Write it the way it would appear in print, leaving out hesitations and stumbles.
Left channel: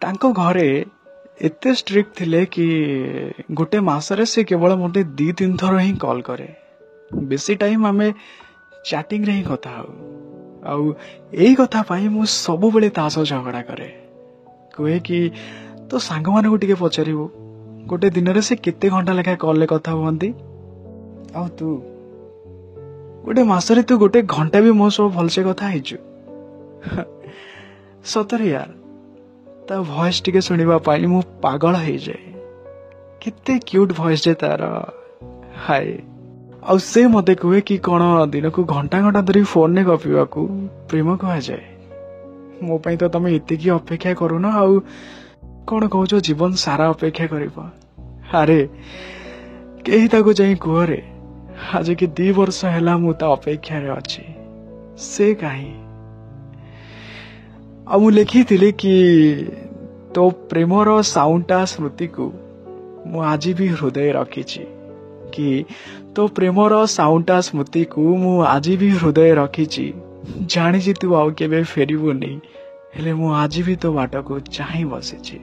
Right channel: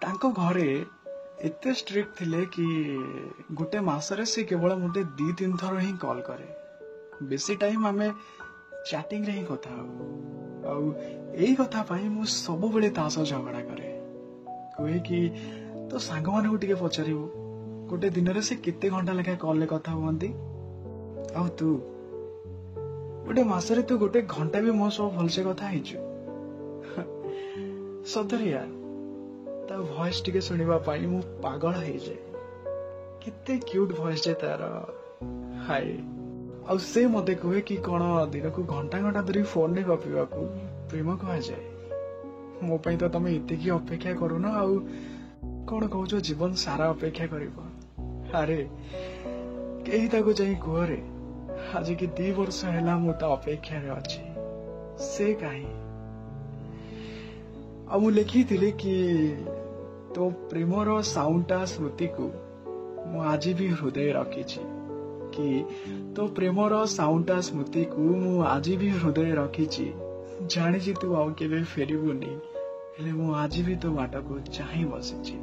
तांको घरे एते स्ट्रिक्ट थिले कि गोटे मासरे से केवल मते 2-3 थर ही कॉल करे। बेसी टाइम आमे चैटिंग रे ही कथा हो आउ एही कथा पाई मु सब बेले ता सह झगड़ा करे। कहे कि तो सांग मान को टिके पचारिबो गोटे दिन रे से केते घंटा लेखा कॉल ले कथा हुंती आउ तू गोटे मासरे तू गोटे घंटा भी मो सब भलसे कथा हिचु। सतरे यार ता वॉइस टिके सुनिबा पाई मु पागल हो जाए। कितने क्यूट वॉइस जे तार हाय। आ से मते कहे कि कौन दिन को घंटा घंटा धरी फोन ने गपिवा को प्रेम कह जाए। मो पई तो तमे इतिकी अपेक्षा करू ना आउ कौन कहूछ जीवन सारा अपेक्षा करिबो। अरे केही ताको जाई कुहरे आज कि 2 वर्ष हैला मु ता अपेक्षा रे अछि से काहे। अब मु लिखी कि तो प्रेमर साउंडटा स्मृति को मु आज भी हृदय रखी कि तो प्रेमर साउंडटा स्मृति को मु आज भी हृदय रखी जानी तू आउ केबे फेरिबुनी हेले मु आज भी तो बाट को चाहि बसी।